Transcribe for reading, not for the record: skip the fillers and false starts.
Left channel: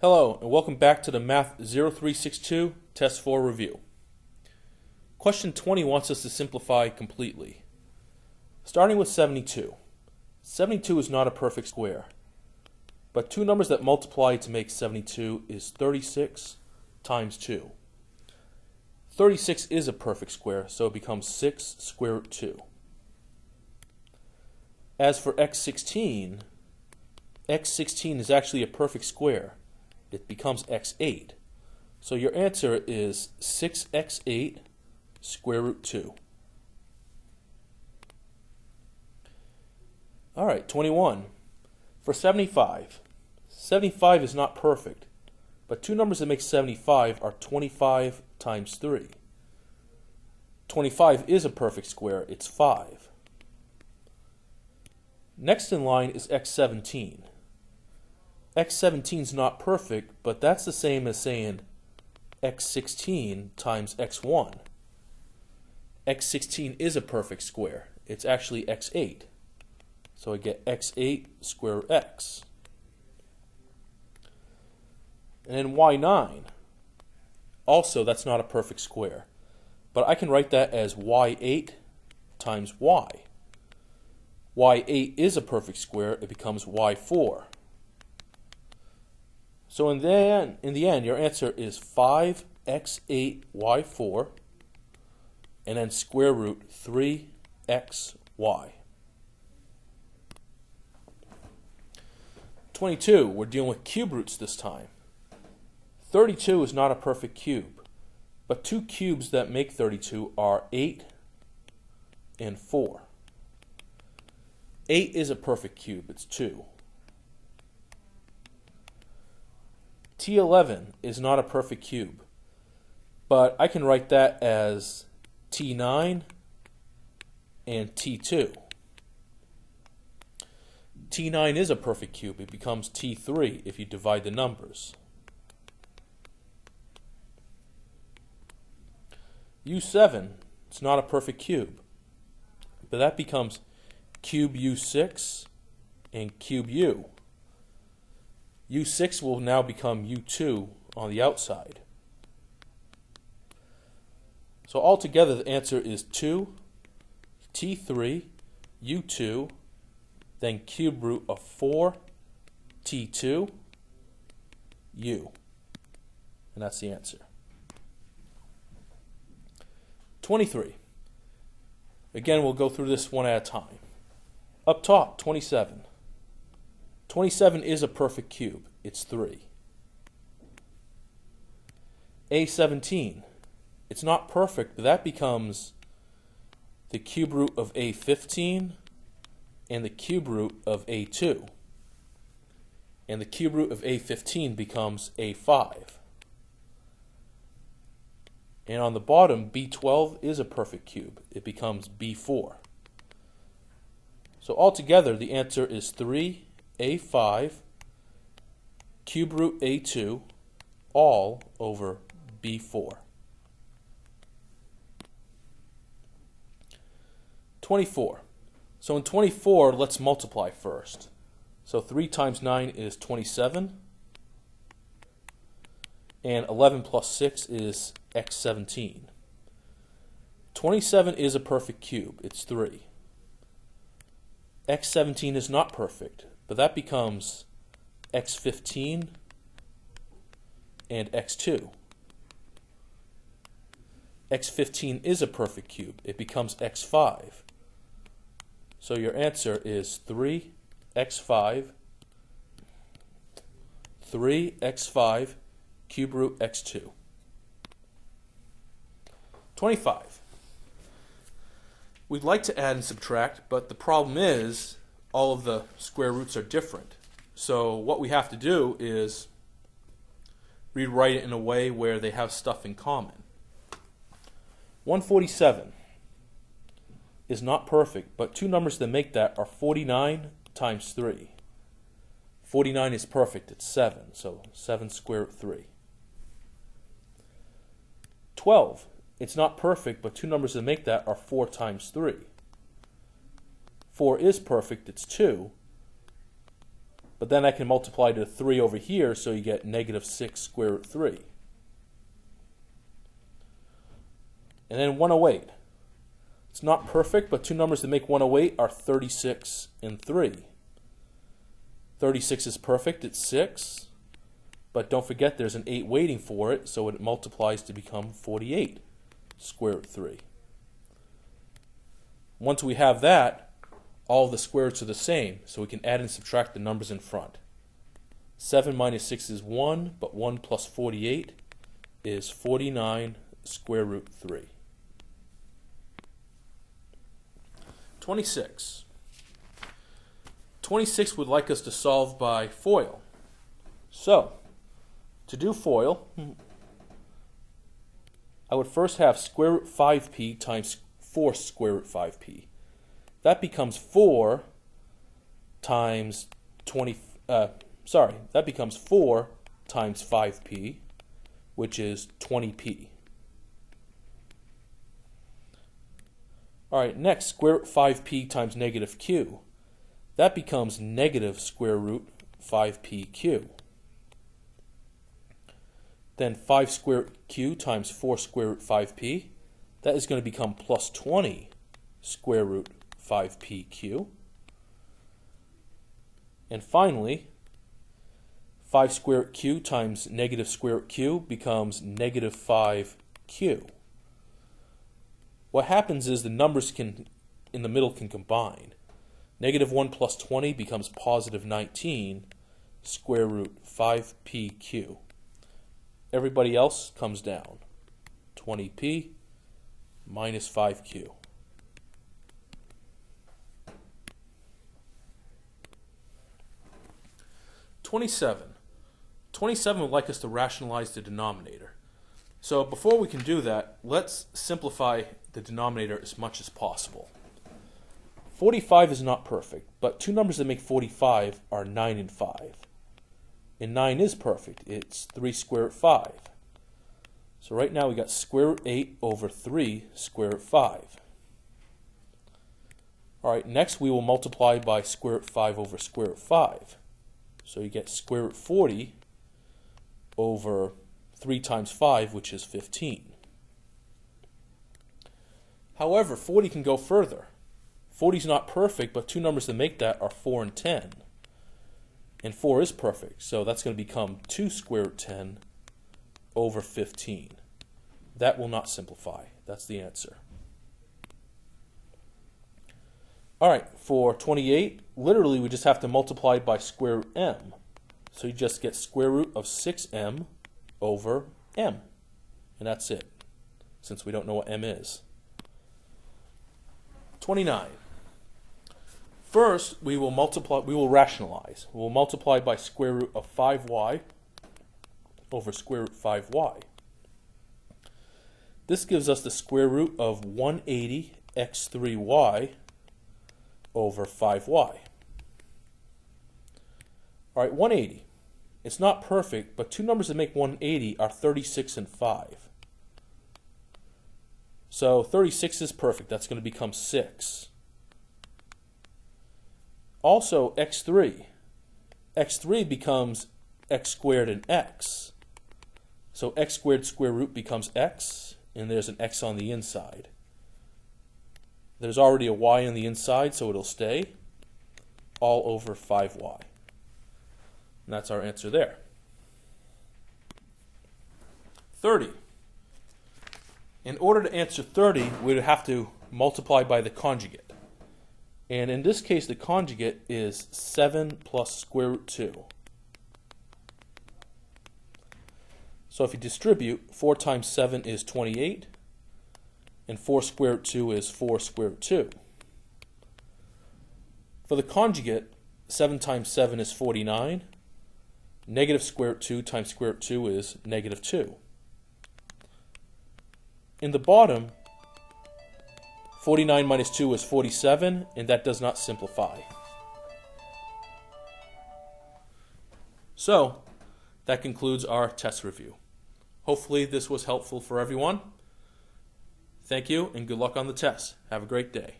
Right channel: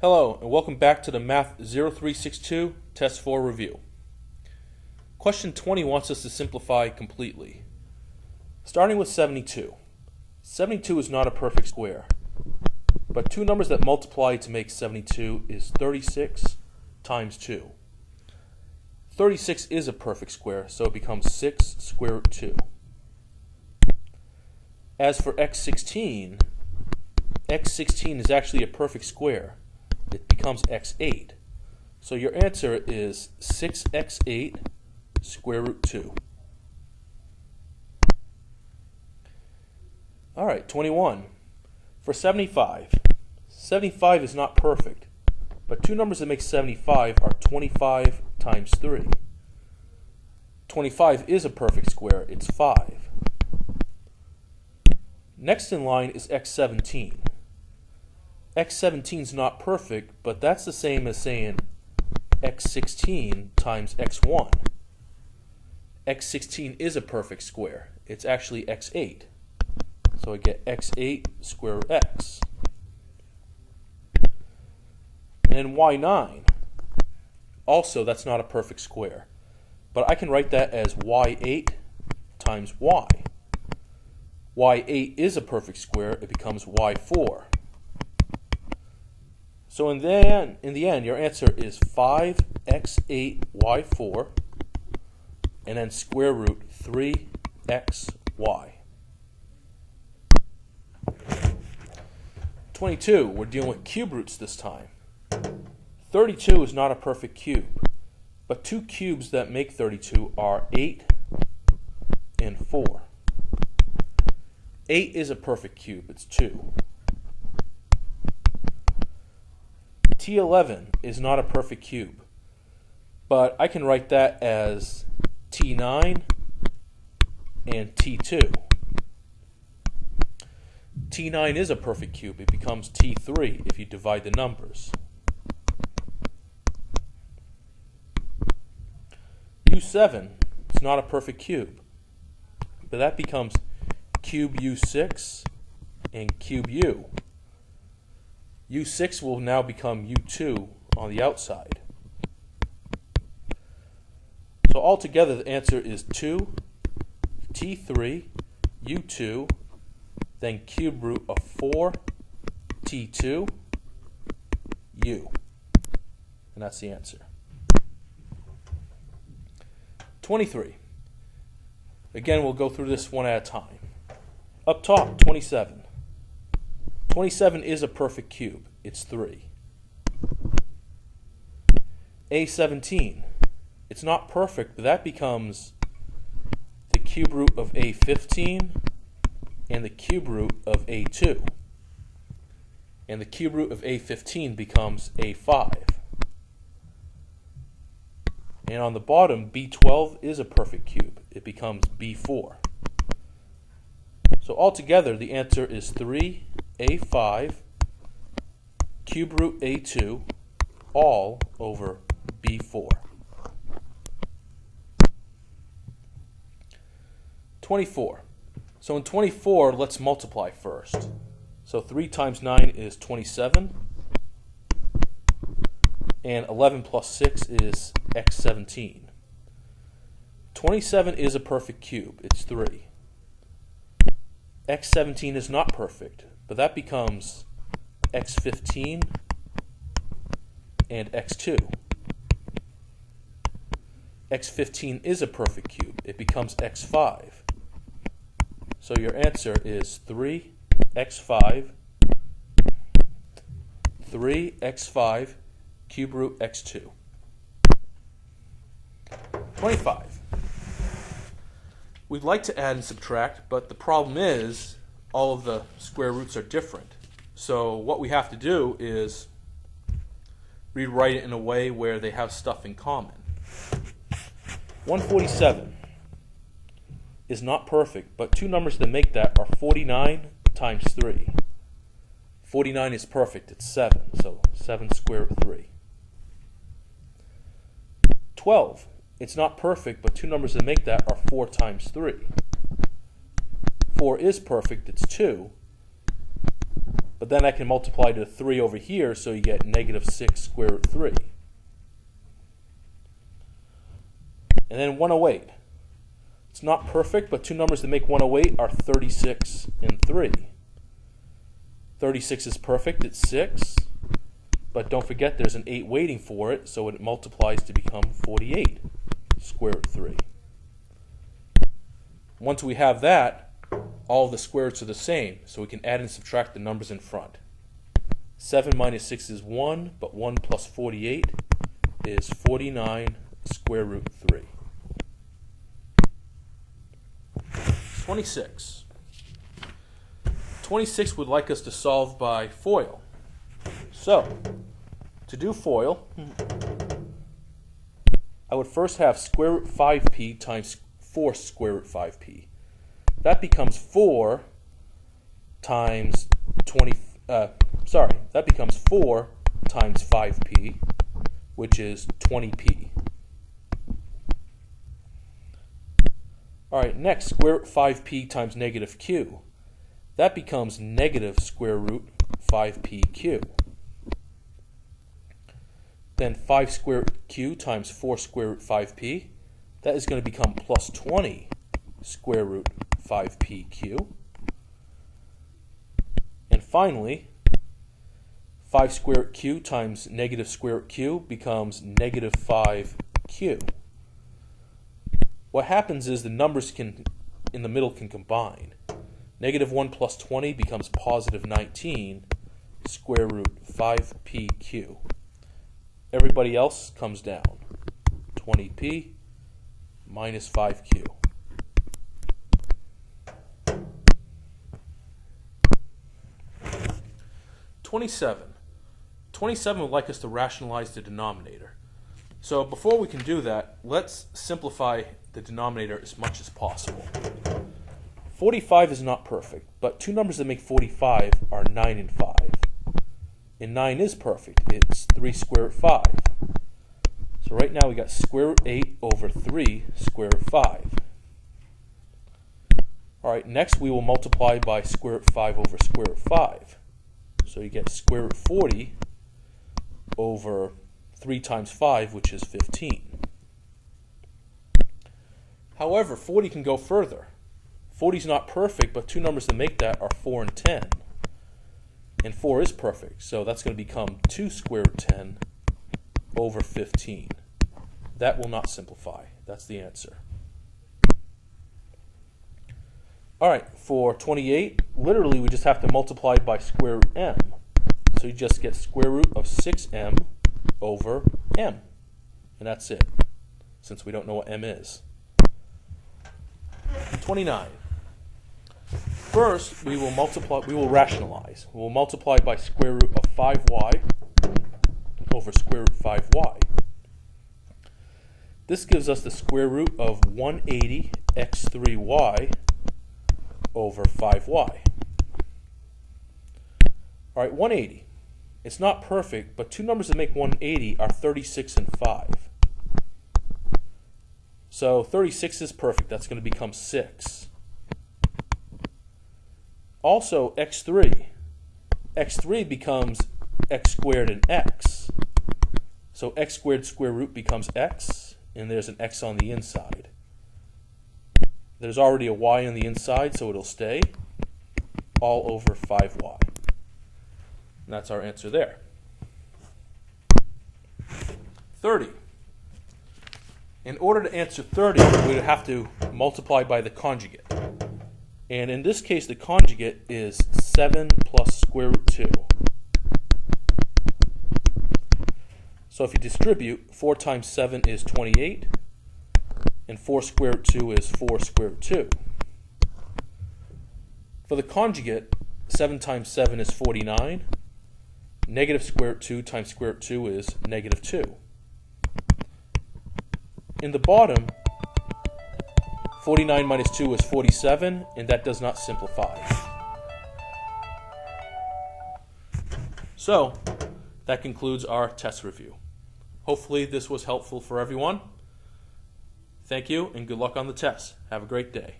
Hello, and welcome back to the Math 0362 Test 4 review. Question 20 wants us to simplify completely. Starting with 72. 72 is not a perfect square, but two numbers that multiply to make 72 is 36 times 2. 36 is a perfect square, so it becomes 6 square root 2. As for x16 is actually a perfect square. It becomes x8. So your answer is 6x8 square root 2. All right, 21. For 75. 75 is not perfect, but two numbers that make 75 are 25 times 3. 25 is a perfect square. It's 5. Next in line is x17. x17 is not perfect, but that's the same as saying x16 times x1. x16 is a perfect square. It's actually x8. So I get x8 square root x. And y9. Also, that's not a perfect square. But I can write that as y8 times y. y8 is a perfect square. It becomes y4. So in the end, your answer is 5x8y4 and then square root 3xy. 22, we're dealing with cube roots this time. 32 is not a perfect cube, but two cubes that make 32 are 8 and 4. 8 is a perfect cube, it's 2. T11 is not a perfect cube, but I can write that as T9 and T2. T9 is a perfect cube. It becomes T3 if you divide the numbers. U7 is not a perfect cube, but that becomes cube U6 and cube U. U6 will now become U2 on the outside. So altogether the answer is 2, T3, U2, then cube root of 4, T2, U. And that's the answer. 23. Again, we'll go through this one at a time. Up top, 27. 27 is a perfect cube. It's 3. A17. It's not perfect, but that becomes the cube root of A15 and the cube root of A2. And the cube root of A15 becomes A5. And on the bottom, B12 is a perfect cube. It becomes B4. So altogether, the answer is 3A5 cube root A2 all over B4. 24. So in 24, let's multiply first. So 3 times 9 is 27. And 11 plus 6 is x17. 27 is a perfect cube. It's 3. x17 is not perfect, but that becomes x15 and x2. x15 is a perfect cube. It becomes x5. So your answer is 3x5 cube root x2. 25. We'd like to add and subtract, but the problem is all of the square roots are different. So what we have to do is rewrite it in a way where they have stuff in common. 147 is not perfect, but two numbers that make that are 49 times 3. 49 is perfect. It's 7, so 7 square root 3. 12. It's not perfect, but two numbers that make that are 4 times 3. 4 is perfect. It's 2. But then I can multiply to 3 over here, so you get negative 6 square root 3. And then 108. It's not perfect, but two numbers that make 108 are 36 and 3. 36 is perfect, it's 6. But don't forget there's an 8 waiting for it, so it multiplies to become 48 square root 3. Once we have that, all the square roots are the same, so we can add and subtract the numbers in front. 7 minus 6 is 1, but 1 plus 48 is 49 square root 3. 26. 26 would like us to solve by FOIL. So, to do FOIL, I would first have square root 5p times 4 square root 5p. That becomes 4 times 4 times 5p, which is 20p. All right, next, square root 5p times negative q. That becomes negative square root 5pq. Then 5 square root q times 4 square root 5p. That is going to become plus 20 square root 5pq. And finally, 5 square root q times negative square root q becomes negative 5q. What happens is the numbers in the middle can combine. Negative 1 plus 20 becomes positive 19 square root 5pq. Everybody else comes down. 20p minus 5q. (27) 27 would like us to rationalize the denominator. So before we can do that, let's simplify the denominator as much as possible. 45 is not perfect, but two numbers that make 45 are 9 and 5. And 9 is perfect. It's 3 square root 5. So right now we got square root 8 over 3 square root 5. All right, next we will multiply by square root 5 over square root 5. So you get square root 40 over 3 times 5, which is 15. However, 40 can go further. 40 is not perfect, but two numbers that make that are 4 and 10. And 4 is perfect, so that's going to become 2 square root 10 over 15. That will not simplify. That's the answer. All right, for 28, literally we just have to multiply by square root m. So you just get square root of 6m over m. And that's it, since we don't know what m is. 29. First, we will rationalize. We will multiply by square root of 5y over square root 5y. This gives us the square root of 180 x3y over 5y. All right, 180. It's not perfect, but two numbers that make 180 are 36 and 5. So 36 is perfect. That's going to become 6. Also, x3. x3 becomes x squared and x. So x squared square root becomes x, and there's an x on the inside. There's already a y on the inside, so it'll stay all over 5y. And that's our answer there. 30. In order to answer 30, we would have to multiply by the conjugate. And in this case, the conjugate is 7 plus square root 2. So if you distribute, 4 times 7 is 28, and 4 square root 2 is 4 square root 2. For the conjugate, 7 times 7 is 49. Negative square root 2 times square root 2 is negative 2. In the bottom, 49 minus 2 is 47, and that does not simplify. So, that concludes our test review. Hopefully this was helpful for everyone. Thank you, and good luck on the test. Have a great day.